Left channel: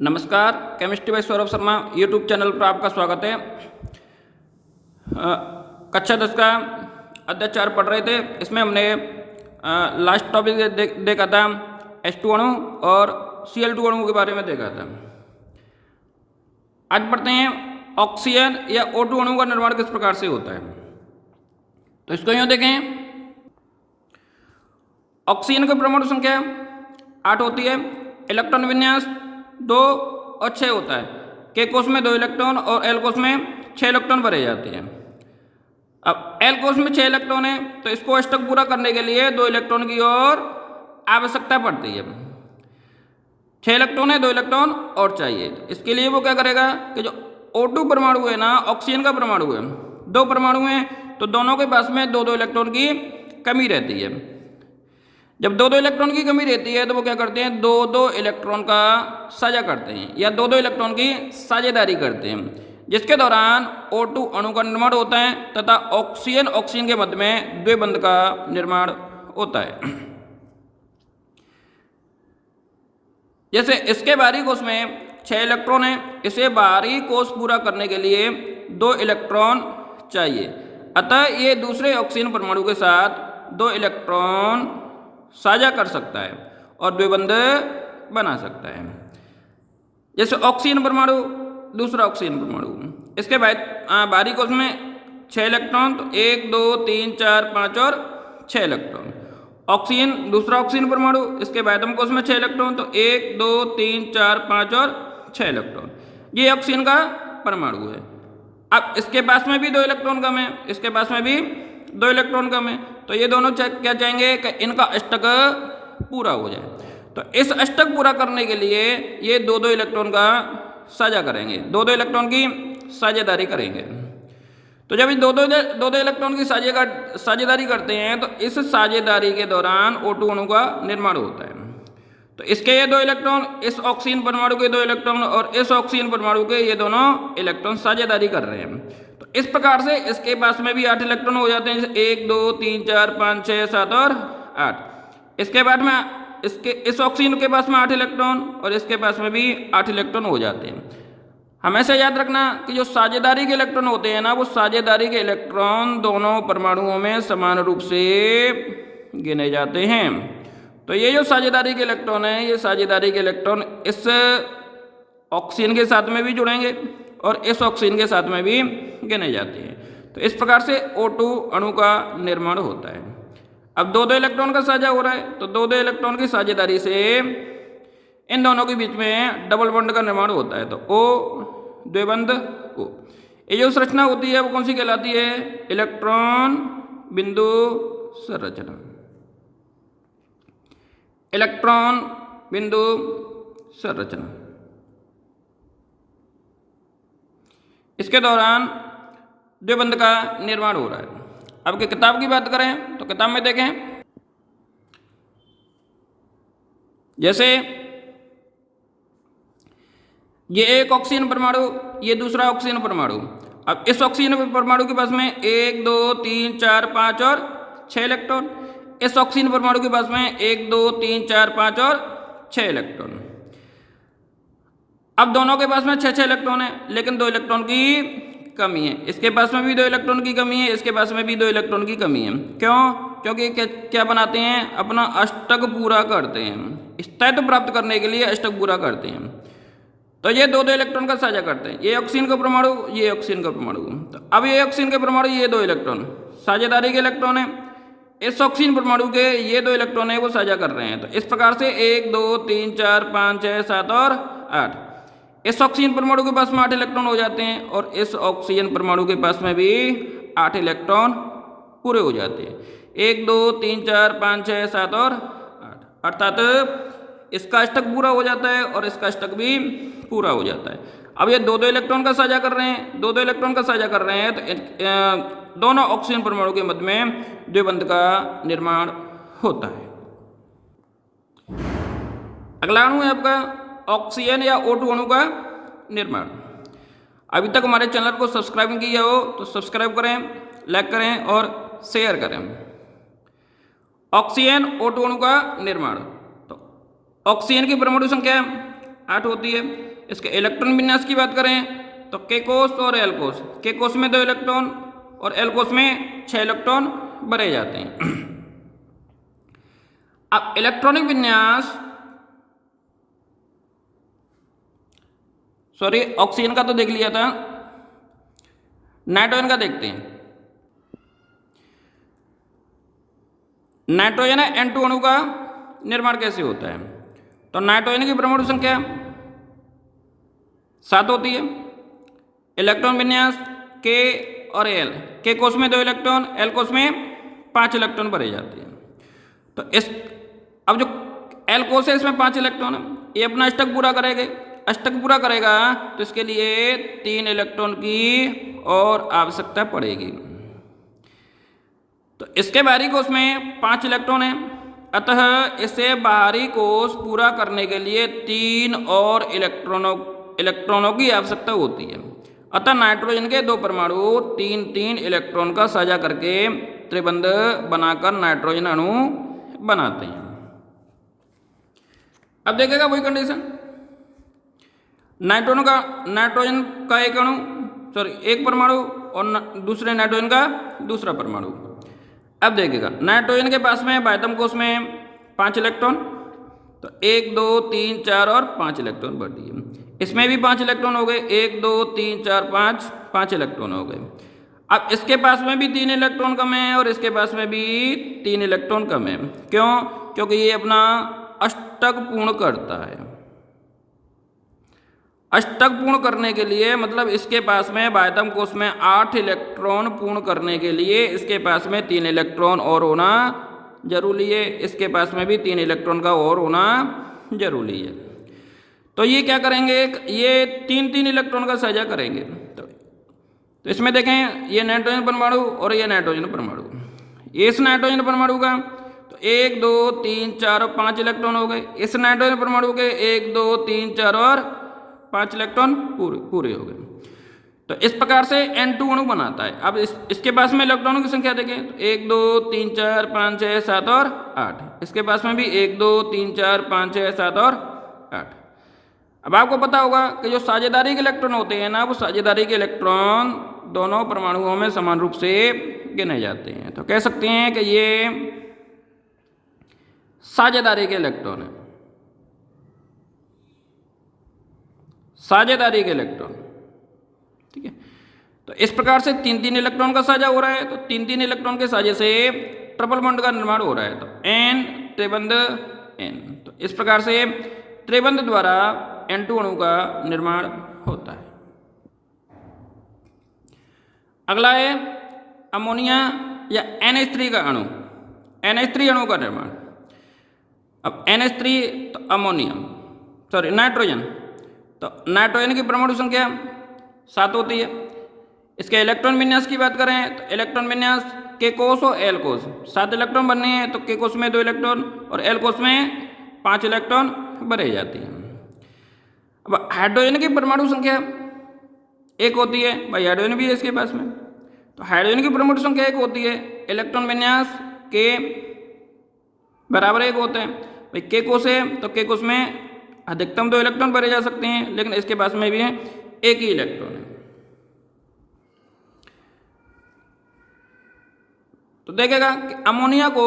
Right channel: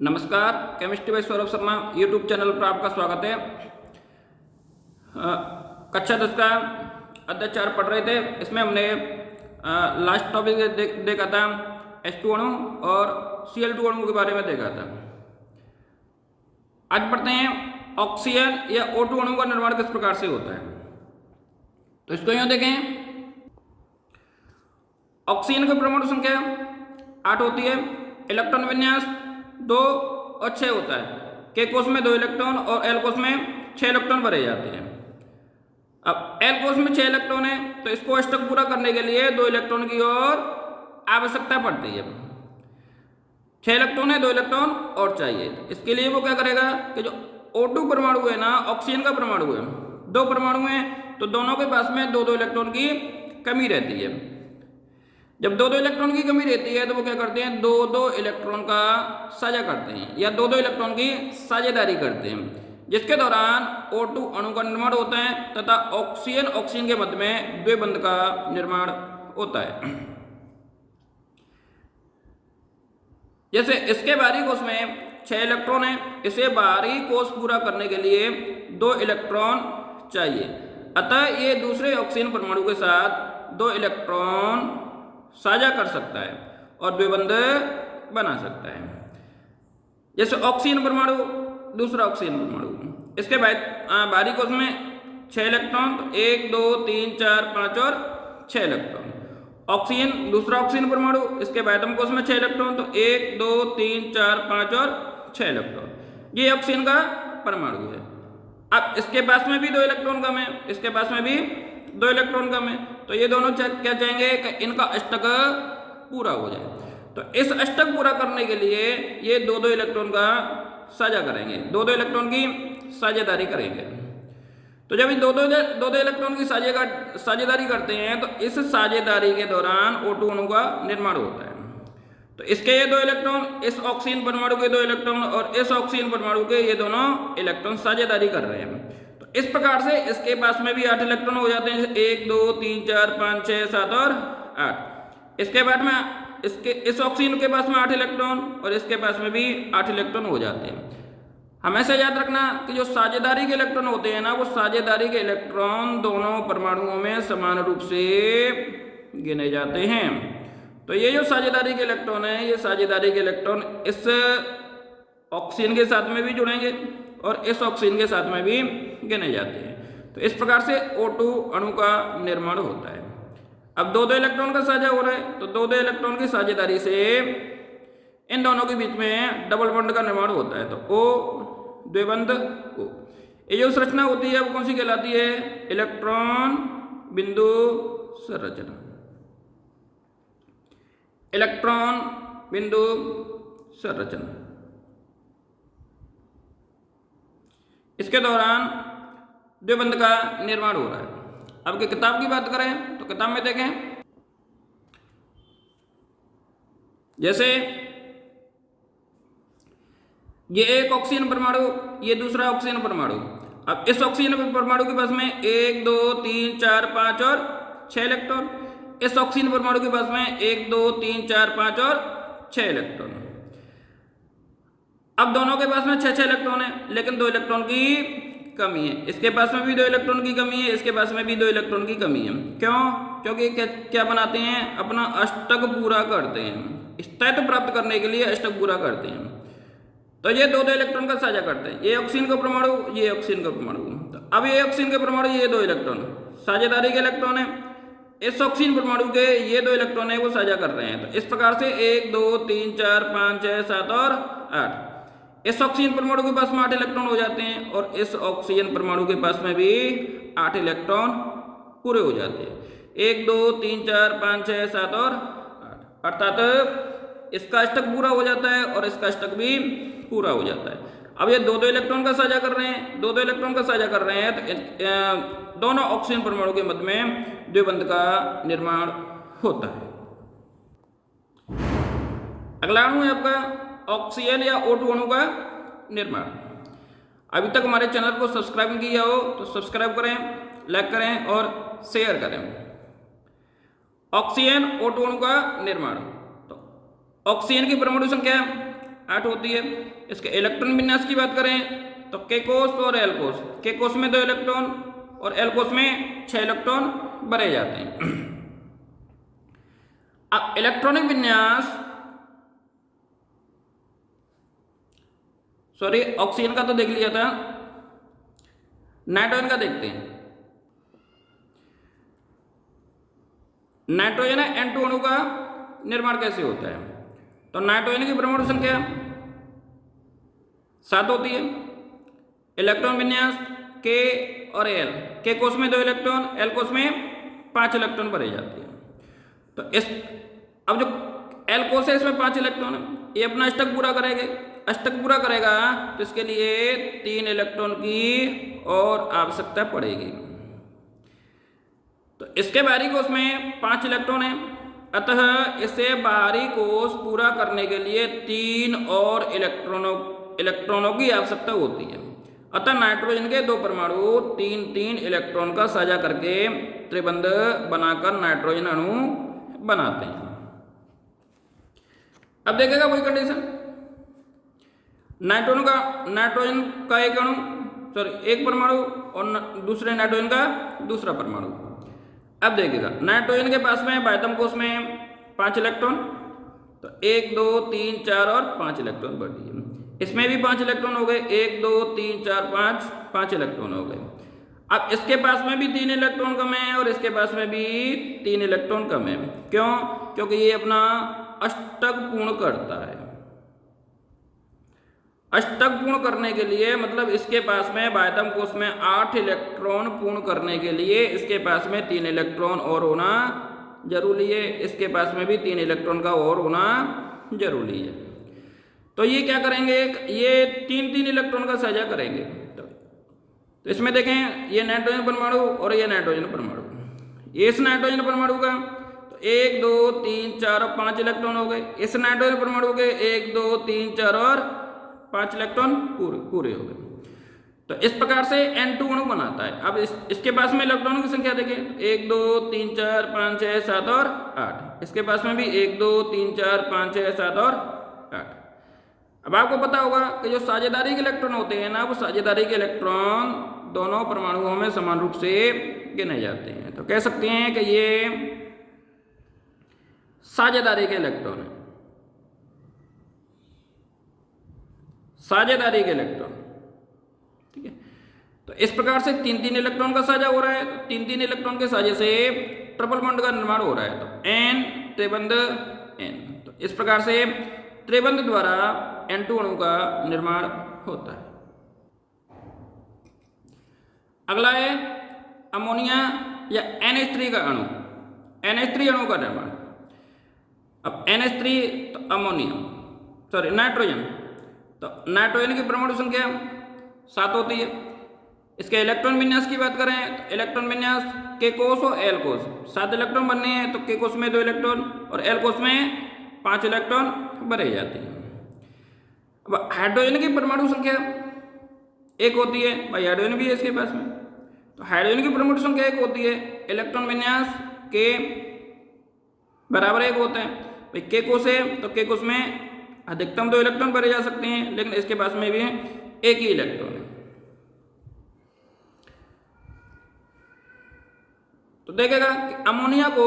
नमस्कार, chemistry bye Saurabh Sharma YouTube channel पर आपका स्वागत है। कक्षा 10 का अध्याय 4 पढ़ रहे थे। इसमें हमने लास्ट टॉपिक देखा था H2 अणु और Cl2 अणु के बारे में देखा था। आज पढ़ते हैं ऑक्सीजन या O2 अणु का निर्माण किस प्रकार से होता है। तो इसको यूँ देखें, ऑक्सीजन की परमाणु संख्या 8 होती है। इलेक्ट्रॉन विन्यास 2 और 6 होता है। के कोष में 2 इलेक्ट्रॉन और एल कोष में 6 इलेक्ट्रॉन भरे जाते हैं। अब एल कोष में 6 इलेक्ट्रॉन है तो इसको अष्टक पूरा करने के लिए 2 इलेक्ट्रॉन की और आवश्यकता पड़ती है। 6 इलेक्ट्रॉन है, 2 इलेक्ट्रॉन और चाहिए। इसके लिए वो क्या करेगा कि जो O2 परमाणु है ना, ऑक्सीजन का परमाणु है, 2 परमाणु हैं तो दोनों के पास में 2-2 इलेक्ट्रॉन की कमी रहती है। जब 2-2 इलेक्ट्रॉन की कमी रहती है तो वो क्या करते हैं, 2-2 इलेक्ट्रॉन का साझा करते हैं या 2-2 इलेक्ट्रॉन की साझेदारी करते हैं, जिसके दौरान O2 अणु का निर्माण होता है तथा ऑक्सीजन के मध्य में द्विबंध का निर्माण होता है। जैसे इसके बाहरी कोष में 6 इलेक्ट्रॉन है, इसे बाहरी कोष पूरा करने के लिए 2 इलेक्ट्रॉन चाहिए। अतः ये दूसरे ऑक्सीजन परमाणु के साथ 2 इलेक्ट्रॉन साझा कर सकता है और द्विबंध बना सकता है। जैसे ऑक्सीजन परमाणु, दूसरा ऑक्सीजन परमाणु, इसके बाद बाहरी कोष में 6 इलेक्ट्रॉन, तो 1 2 3 4 5 और 6 इलेक्ट्रॉन। ऑक्सीजन, दूसरा ऑक्सीजन परमाणु, इसके बाह्यतम कोष में 6 इलेक्ट्रॉन, तो 1 2 3 4 5 और 6 इलेक्ट्रॉन। ये ऑक्सीजन का परमाणु है। अब इसके पास में भी 2 इलेक्ट्रॉन कम है, इसके पास में भी 2 इलेक्ट्रॉन कम है, तो ये दोनों क्या चाहेंगे कि इनका अष्टक पूरा हो जाए। तो इस अष्टक पूरा करने के लिए ये 2-2 इलेक्ट्रॉन का साझा करेंगे, 2-2 इलेक्ट्रॉन की साझेदारी करेंगे। तो जब ये 2-2 इलेक्ट्रॉन की साझेदारी करते हैं तो इस साझेदारी के दौरान O2 अणु का निर्माण होता है। तो इसके ये 2 इलेक्ट्रॉन, इस ऑक्सीजन परमाणु के 2 इलेक्ट्रॉन और इस ऑक्सीजन परमाणु के ये दोनों इलेक्ट्रॉन साझेदारी कर रहे हैं। तो इस प्रकार से इसके पास में भी 8 इलेक्ट्रॉन हो जाते हैं, जैसे 1 2 3 4 5 6 7 और 8। इसके बाद में इस ऑक्सीजन के पास में 8 इलेक्ट्रॉन और इसके पास में भी 8 इलेक्ट्रॉन हो जाते हैं। हमेशा याद रखना कि जो साझेदारी के इलेक्ट्रॉन होते हैं ना, वो साझेदारी के इलेक्ट्रॉन दोनों परमाणुओं में समान रूप से गिने जाते हैं। तो ये जो साझेदारी के इलेक्ट्रॉन है, ये साझेदारी के इलेक्ट्रॉन इस ऑक्सीजन के साथ में भी जुड़ेंगे और इस ऑक्सीजन के साथ में भी गिने जाते हैं। तो इस प्रकार से O2 अणु का निर्माण होता है। अब 2-2 इलेक्ट्रॉन का साझा हो रहा है, तो 2-2 इलेक्ट्रॉन की साझेदारी से इन दोनों के बीच में डबल बॉन्ड का निर्माण होता है, तो O द्विबंध O। ये जो संरचना होती है वो कौन सी कहलाती है, इलेक्ट्रॉन बिंदु संरचना। इलेक्ट्रॉन बिंदु संरचना। इसके दौरान द्विबंध का निर्माण हो रहा है। अब की किताब की बात करें तो किताब में देखें, जैसे ये एक ऑक्सीजन परमाणु, ये दूसरा ऑक्सीजन परमाणु। अब इस ऑक्सीजन परमाणु के पास में 1 2 3 4 5 और 6 इलेक्ट्रॉन, इस ऑक्सीजन परमाणु के पास में 1 2 3 4 5 और 6 इलेक्ट्रॉन। अब दोनों के पास में 6-6 इलेक्ट्रॉन है, लेकिन 2 इलेक्ट्रॉन की कमी है। इसके पास में भी 2 इलेक्ट्रॉन की कमी है, इसके पास में भी 2 इलेक्ट्रॉन की कमी है। क्यों? क्योंकि क्या बनाते हैं, अपना अष्टक पूरा करते हैं। स्थायित्व प्राप्त करने के लिए अष्टक पूरा करते हैं। तो ये 2-2 इलेक्ट्रॉन का साझा करते हैं। ये ऑक्सीजन का परमाणु, ये ऑक्सीजन का परमाणु। तो अब ये ऑक्सीजन के परमाणु, ये 2 इलेक्ट्रॉन साझेदारी के इलेक्ट्रॉन है। इस ऑक्सीजन परमाणु के ये 2 इलेक्ट्रॉन है वो साझा कर रहे हैं। तो इस प्रकार से 1 2 3 4 5 6 7 और 8। इस ऑक्सीजन परमाणु के पास में 8 इलेक्ट्रॉन हो जाते हैं और इस ऑक्सीजन परमाणु के पास में भी 8 इलेक्ट्रॉन पूरे हो जाते हैं। 1 2 3 4 5 6 7 और 8, अर्थात इसका अष्टक पूरा हो जाता है और इसका अष्टक भी पूरा हो जाता है। अब ये 2-2 इलेक्ट्रॉन का साझा कर रहे हैं, 2-2 इलेक्ट्रॉन का साझा कर रहे हैं, तो दोनों ऑक्सीजन परमाणु के मध्य में द्विबंध का निर्माण होता है। अगला अणु है आपका ऑक्सीजन या O2 अणु का निर्माण। अभी तक हमारे चैनल को सब्सक्राइब नहीं किया हो तो सब्सक्राइब करें, लाइक करें और शेयर करें। ऑक्सीजन O2 अणु का निर्माण। तो ऑक्सीजन की परमाणु संख्या 8 होती है। इसके इलेक्ट्रॉन विन्यास की बात करें तो के कोस और एल कोस, के कोस में 2 इलेक्ट्रॉन और एल कोस में 6 इलेक्ट्रॉन भरे जाते हैं। अब इलेक्ट्रॉनिक विन्यास, सॉरी ऑक्सीजन का तो देख लिया था, नाइट्रोजन का देखते हैं। नाइट्रोजन N2 अणु का निर्माण कैसे होता है? तो नाइट्रोजन की परमाणु संख्या 7 होती है। इलेक्ट्रॉन विन्यास के और एल, के कोष में 2 इलेक्ट्रॉन, एल कोष में 5 इलेक्ट्रॉन भरे जाते हैं। तो इस अब जो एल कोष है इसमें 5 इलेक्ट्रॉन है, ये अपना अष्टक पूरा करेगा। अष्टक पूरा करेगा तो इसके लिए 3 इलेक्ट्रॉन की और आवश्यकता पड़ेगी। तो इसके बाहरी कोष में 5 इलेक्ट्रॉन है, अतः इसे बाहरी कोष पूरा करने के लिए 3 और इलेक्ट्रॉनों की आवश्यकता होती है। अतः नाइट्रोजन के 2 परमाणु 3-3 इलेक्ट्रॉन का साझा करके त्रिबंध बनाकर नाइट्रोजन अणु बनाते हैं। अब देखेगा वही कंडीशन, नाइट्रोजन का एक अणु, सॉरी एक परमाणु और दूसरे नाइट्रोजन का दूसरा परमाणु। अब देखिएगा नाइट्रोजन के पास में बाह्यतम कोष में 5 इलेक्ट्रॉन, तो 1 2 3 4 और 5 इलेक्ट्रॉन बढ़ दिए। इसमें भी 5 इलेक्ट्रॉन हो गए, 1 2 3 4 5 इलेक्ट्रॉन हो गए। अब इसके पास में भी 3 इलेक्ट्रॉन कम है और इसके पास में भी 3 इलेक्ट्रॉन कम है। क्यों? क्योंकि ये अपना अष्टक पूर्ण करता है। अष्टक पूर्ण करने के लिए मतलब इसके पास में बाह्यतम कोष में 8 इलेक्ट्रॉन पूर्ण करने के लिए इसके पास में 3 इलेक्ट्रॉन और होना जरूरी है। इसके पास में भी 3 इलेक्ट्रॉन का और होना जरूरी है। तो ये क्या करेंगे, ये 3-3 इलेक्ट्रॉन का साझा करेंगे। तो इसमें देखें ये नाइट्रोजन परमाणु और ये नाइट्रोजन परमाणु, ये इस नाइट्रोजन परमाणु का तो 1 2 3 4 और 5 इलेक्ट्रॉन हो गए। इस नाइट्रोजन परमाणु के 1 2 3 4 और 5 इलेक्ट्रॉन पूरे हो गए। तो इस प्रकार से N2 अणु बनाता है। अब इसके पास में इलेक्ट्रॉनों की संख्या देखें, 1 2 3 4 5 6 7 और 8। इसके पास में भी 1 2 3 4 5 6 7 और 8। अब आपको पता होगा कि जो साझेदारी के इलेक्ट्रॉन होते हैं ना, वो साझेदारी के इलेक्ट्रॉन दोनों परमाणुओं में समान रूप से गिने जाते हैं। तो कह सकते हैं कि ये साझेदारी के इलेक्ट्रॉन है, साझेदारी के इलेक्ट्रॉन, ठीक है। तो इस प्रकार से 3-3 इलेक्ट्रॉन का साझा हो रहा है। तो 3-3 इलेक्ट्रॉन के साझे से ट्रिपल बॉन्ड का निर्माण हो रहा है। तो N त्रिबंध N, तो इस प्रकार से त्रिबंध द्वारा N2 अणु का निर्माण होता है। अगला है अमोनिया या NH3 का अणु, NH3 अणु का निर्माण। अब NH3 तो अमोनिया, सॉरी नाइट्रोजन, तो नाइट्रोजन की परमाणु संख्या 7 होती है। इसके इलेक्ट्रॉन विन्यास की बात करें तो इलेक्ट्रॉन विन्यास के कोष और एल कोष, 7 इलेक्ट्रॉन बनने हैं तो के कोष में 2 इलेक्ट्रॉन और एल कोष में 5 इलेक्ट्रॉन भरे जाते हैं। अब हाइड्रोजन की परमाणु संख्या 1 होती है, भाई हाइड्रोजन भी है इसके पास में। तो हाइड्रोजन की परमाणु संख्या 1 होती है, इलेक्ट्रॉन विन्यास के बराबर 1 होते हैं। भाई के कोष है तो के कोष में अधिकतम 2 इलेक्ट्रॉन भरे जा सकते हैं, लेकिन इसके पास में भी है 1 ही इलेक्ट्रॉन है। तो देखेगा कि अमोनिया को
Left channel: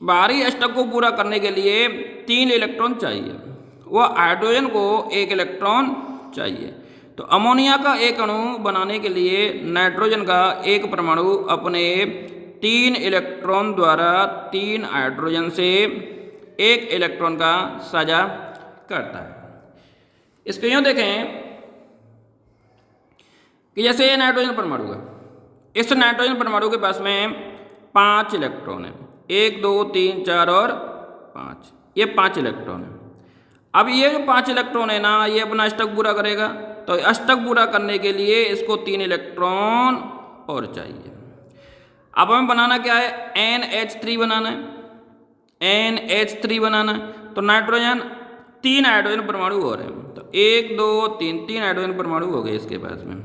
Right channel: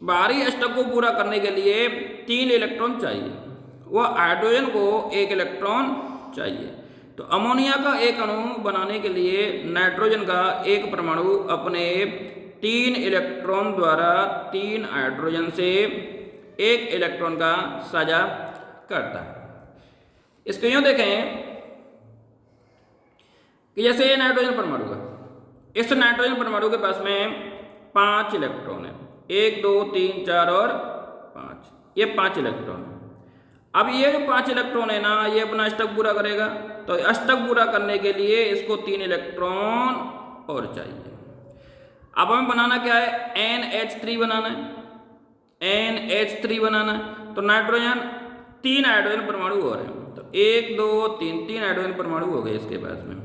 बाहरी अष्टक को पूरा करने के लिए 3 इलेक्ट्रॉन चाहिए, वह हाइड्रोजन को 1 इलेक्ट्रॉन चाहिए। तो अमोनिया का एक अणु बनाने के लिए नाइट्रोजन का एक परमाणु अपने 3 इलेक्ट्रॉन द्वारा 3 हाइड्रोजन से 1 इलेक्ट्रॉन का साझा करता है। इसको यूँ देखें कि जैसे ये नाइट्रोजन परमाणु है, इस नाइट्रोजन परमाणु के पास में 5 इलेक्ट्रॉन है, 1 2 3 4 और 5, ये 5 इलेक्ट्रॉन है। अब ये जो 5 इलेक्ट्रॉन है ना, ये अपना अष्टक पूरा करेगा। तो अष्टक पूरा करने के लिए इसको 3 इलेक्ट्रॉन और चाहिए। अब हमें बनाना क्या है, NH3 बनाना है, NH3 बनाना है। तो नाइट्रोजन 3 हाइड्रोजन परमाणु हो रहे हैं, तो 1 2 3 हाइड्रोजन परमाणु हो गए इसके पास में।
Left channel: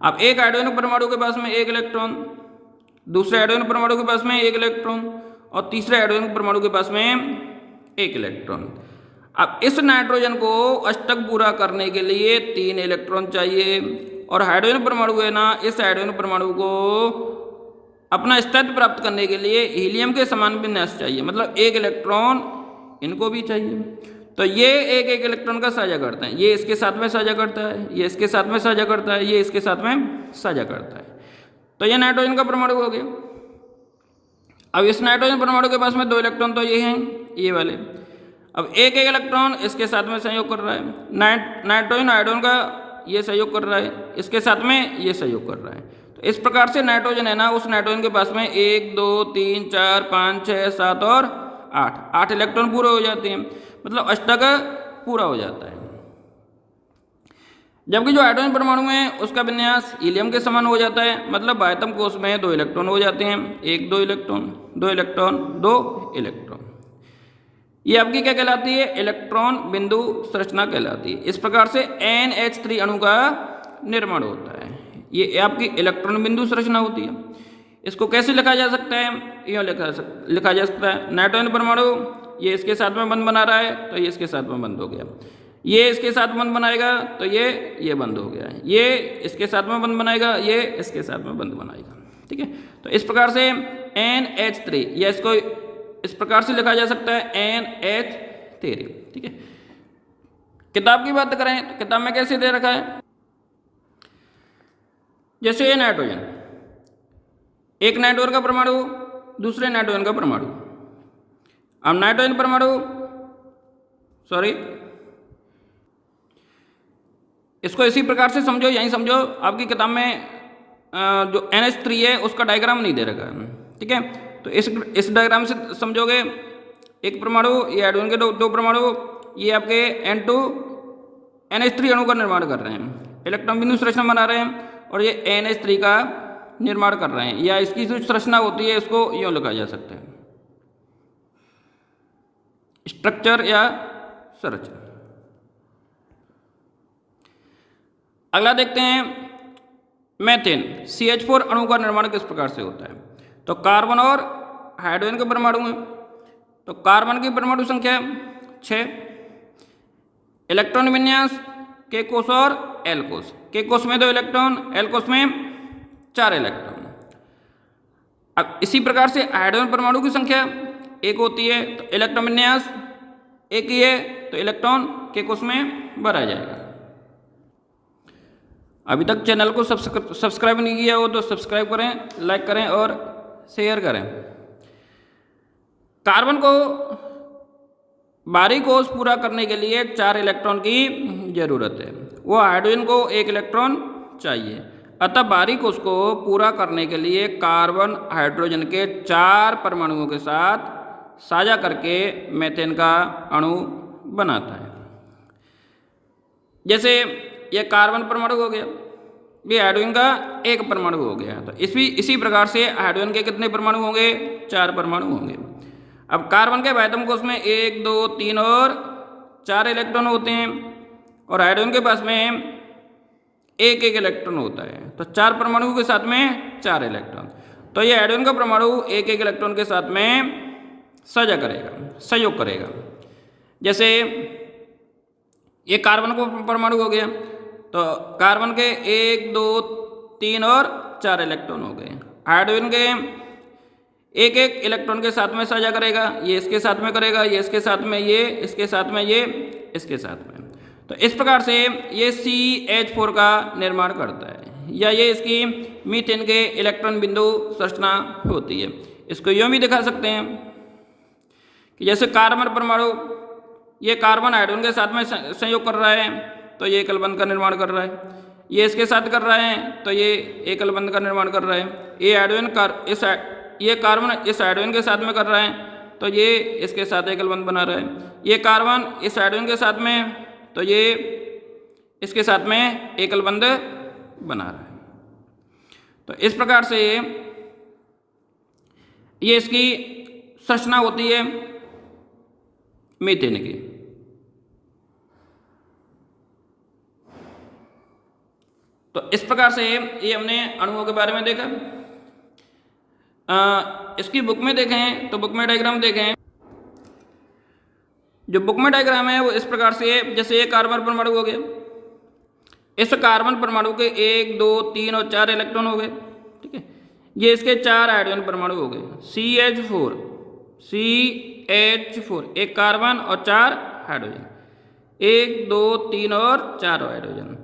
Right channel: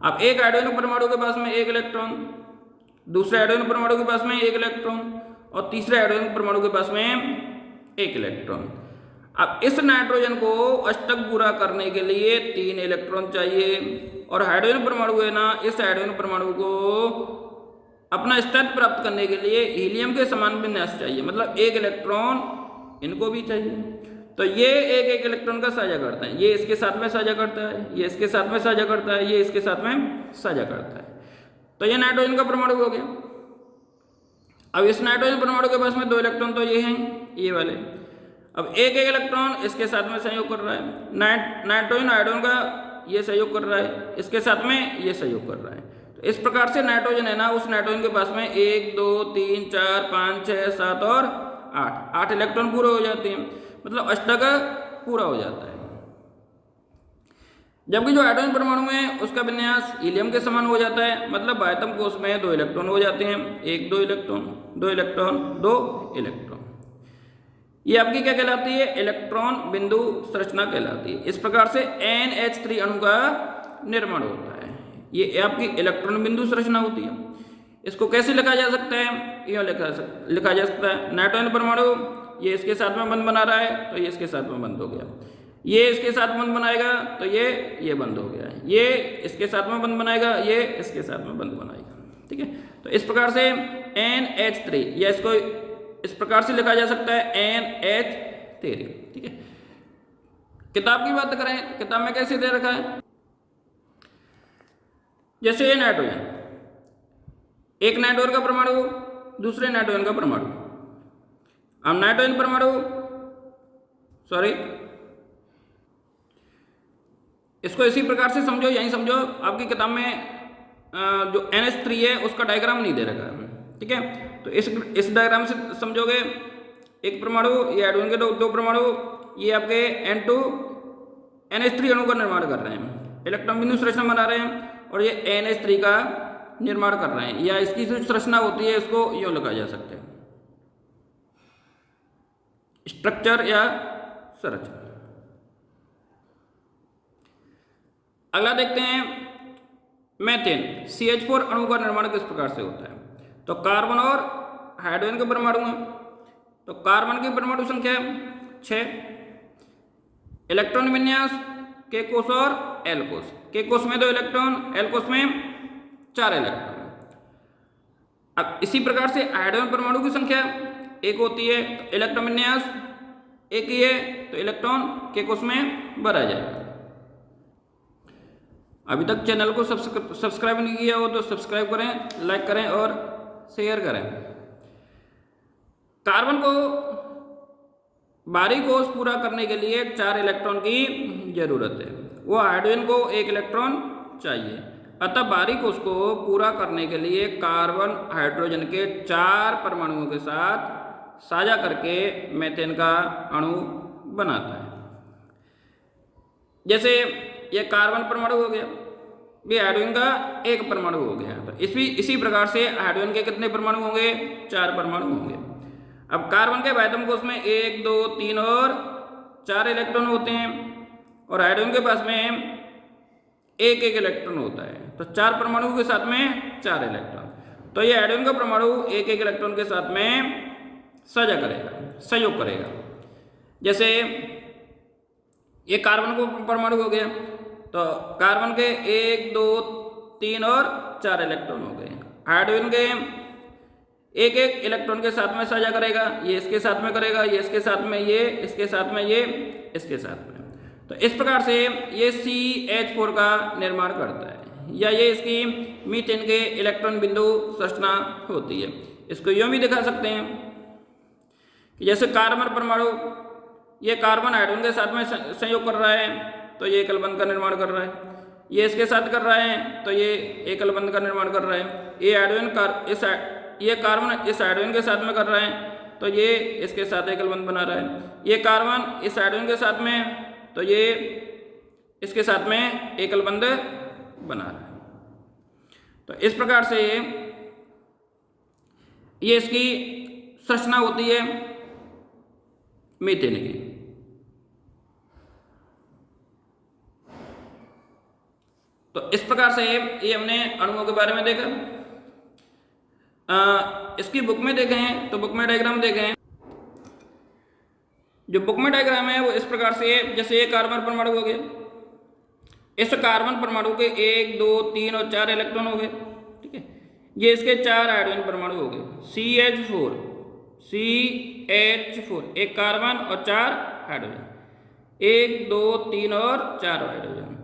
अब एक हाइड्रोजन परमाणु के पास में 1 इलेक्ट्रॉन, दूसरे हाइड्रोजन परमाणु के पास में 1 इलेक्ट्रॉन और तीसरे हाइड्रोजन परमाणु के पास में 1 इलेक्ट्रॉन। अब इस नाइट्रोजन को अष्टक पूरा करने के लिए 3 इलेक्ट्रॉन चाहिए, और हाइड्रोजन परमाणु है ना, इस हाइड्रोजन परमाणु को अपना स्थिति प्राप्त करने के लिए हीलियम के समान विन्यास चाहिए, मतलब 1 इलेक्ट्रॉन इनको भी चाहिए। तो ये एक एक इलेक्ट्रॉन का साझा करते हैं, ये इसके साथ में साझा करता है, ये इसके साथ में साझा करता है, ये इसके साथ में साझा करता है। तो ये नाइट्रोजन का परमाणु हो गया। अब इस नाइट्रोजन परमाणु के पास में 2 इलेक्ट्रॉन तो ये हैं, ये वाले। अब एक एक इलेक्ट्रॉन इसके साथ में सहयोग कर रहा है, नाइट्रोजन हाइड्रोजन का ये सहयोग कर रहा है, इसके साथ में ये सहयोग कर रहा है। तो इस प्रकार से नाइट्रोजन है ना, उस नाइट्रोजन के पास में 1 2 3 4 5 6 7 और 8 इलेक्ट्रॉन पूरे हो जाते हैं, मतलब अष्टक पूरा हो जाता है। जबकि जो हाइड्रोजन परमाणु है उसका विन्यास हीलियम के समान हो जाता है, मतलब बाह्यतम कोश में 2 इलेक्ट्रॉन हो जाते हैं, 1 2 इलेक्ट्रॉन 2 इलेक्ट्रॉन 2 इलेक्ट्रॉन। ये आपकी क्या कहलाती है? इलेक्ट्रॉन बिंदु संरचना कहलाती है। इस प्रकार से NH3 अणु का निर्माण होता है। ये आपकी इलेक्ट्रॉन बिंदु संरचना होती है। इसको कैसे लिखा जा सकता है? यूँ लिखा जा सकता है, नाइट्रोजन परमाणु ये इसके साथ में बंध बना रहा है, तो ये इसके साथ में बंद हो गया, ये इसके साथ बंध बनाएगा तो ये बंद हो गया, ये इसके साथ में बंध बनाएगा, ये इसके साथ में बंध बनाएगा। ठीक है, तो इस प्रकार से NH3 या इसको इस प्रकार से लिखा जा सकता है NH3। ठीक है, किताब की बात करें तो किताब में कैसे दे रखा है, जैसे ये नाइट्रोजन, एक नाइट्रोजन का परमाणु, दूसरे नाइट्रोजन का परमाणु। अब नाइट्रोजन परमाणु इसको इसी प्रकार से समझो, यहीं समझो, आपकी किताब में जो NH3 है उसका डायग्राम नहीं दे रखा है। ठीक है, तो इस डायग्राम से समझोगे, एक परमाणु, ये हाइड्रोजन के दो परमाणु, ये आपके N2 NH3 अणु का निर्माण कर रहे हैं, इलेक्ट्रॉन बिंदु संरचना बना रहे हैं, और ये NH3 का निर्माण कर रहे हैं, या इसकी जो संरचना होती है इसको यूँ लिखा जा सकता है, स्ट्रक्चर या संरचना। अगला देखते हैं मीथेन CH4 अणु का निर्माण किस प्रकार से होता है। तो कार्बन और हाइड्रोजन के परमाणु हैं, तो कार्बन की परमाणु संख्या 6, इलेक्ट्रॉन विन्यास K कोश और L कोश, K कोश में 2 इलेक्ट्रॉन, L कोश में 4 इलेक्ट्रॉन। अब इसी प्रकार से हाइड्रोजन परमाणु की संख्या 1 होती है, तो इलेक्ट्रॉन विन्यास 1 ही है, तो इलेक्ट्रॉन K कोश में भरा जाएगा। अभी तक चैनल को सब्सक्राइब नहीं किया हो तो सब्सक्राइब करें, लाइक करें और शेयर करें। कार्बन को बाहरी कोश पूरा करने के लिए 4 इलेक्ट्रॉन की जरूरत है, वो हाइड्रोजन को 1 इलेक्ट्रॉन चाहिए। अतः बाहरी कोश को पूरा करने के लिए कार्बन हाइड्रोजन के 4 परमाणुओं के साथ साझा करके मीथेन का अणु बनाता है। जैसे ये कार्बन परमाणु हो गया, ये हाइड्रोजन का 1 परमाणु हो गया, तो इसी प्रकार से हाइड्रोजन के कितने परमाणु होंगे? 4 परमाणु होंगे। अब कार्बन के बाह्यतम कोश में 1 2 3 और 4 इलेक्ट्रॉन होते हैं, और हाइड्रोजन के पास में 1 1 इलेक्ट्रॉन होता है, तो 4 परमाणुओं के साथ में 4 इलेक्ट्रॉन। तो ये हाइड्रोजन का परमाणु 1 1 इलेक्ट्रॉन के साथ में साझा करेगा, सहयोग करेगा। जैसे ये कार्बन का परमाणु हो गया, तो कार्बन के 1 2 3 और 4 इलेक्ट्रॉन हो गए। हाइड्रोजन के 1 1 इलेक्ट्रॉन के साथ में साझा करेगा, ये इसके साथ में करेगा, ये इसके साथ में, ये इसके साथ में, ये इसके साथ में। तो इस प्रकार से ये CH4 का निर्माण करता है, या ये इसकी मीथेन के इलेक्ट्रॉन बिंदु संरचना होती है। इसको यूँ भी दिखा सकते हैं कि जैसे कार्बन परमाणु, ये कार्बन हाइड्रोजन के साथ में संयोग कर रहा है, तो ये एकल बंध का निर्माण कर रहा है, ये इसके साथ कर रहा है, तो ये एकल बंध का निर्माण कर रहा है। ये हाइड्रोजन ये कार्बन इस हाइड्रोजन के साथ में कर रहा है, तो ये इसके साथ एकल बंध बना रहा है। ये कार्बन इस हाइड्रोजन के साथ में, तो ये इसके साथ में एकल बंध बना रहा है। तो इस प्रकार से ये इसकी संरचना होती है मीथेन की। तो इस प्रकार से ये हमने अणुओं के बारे में देखा। इसकी बुक में देखें तो बुक में डायग्राम देखें, जो बुक में डायग्राम है वो इस प्रकार से है, जैसे ये कार्बन परमाणु हो गया, इस कार्बन परमाणु के 1 2 3 और 4 इलेक्ट्रॉन हो गए, ठीक है। ये इसके 4 हाइड्रोजन परमाणु हो गए, CH4 एक कार्बन और 4 हाइड्रोजन, 1 2 3 और 4 हाइड्रोजन।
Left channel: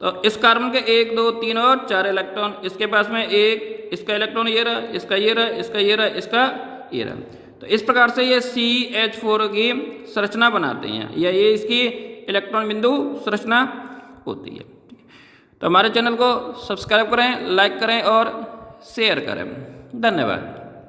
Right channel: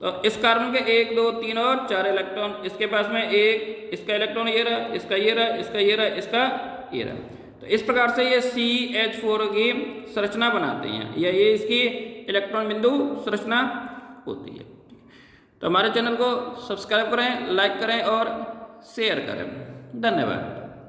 तो इस कार्बन के 1 2 3 और 4 इलेक्ट्रॉन, इसके पास में एक, इसका इलेक्ट्रॉन ये रहा, इसका ये रहा, इसका ये रहा, इसका ये रहा। तो इस प्रकार से ये CH4 की संरचना बनाते हैं, या ये इसकी इलेक्ट्रॉन बिंदु संरचना होती है। तो हमारे चैनल को सब्सक्राइब करें, लाइक करें और शेयर करें। धन्यवाद।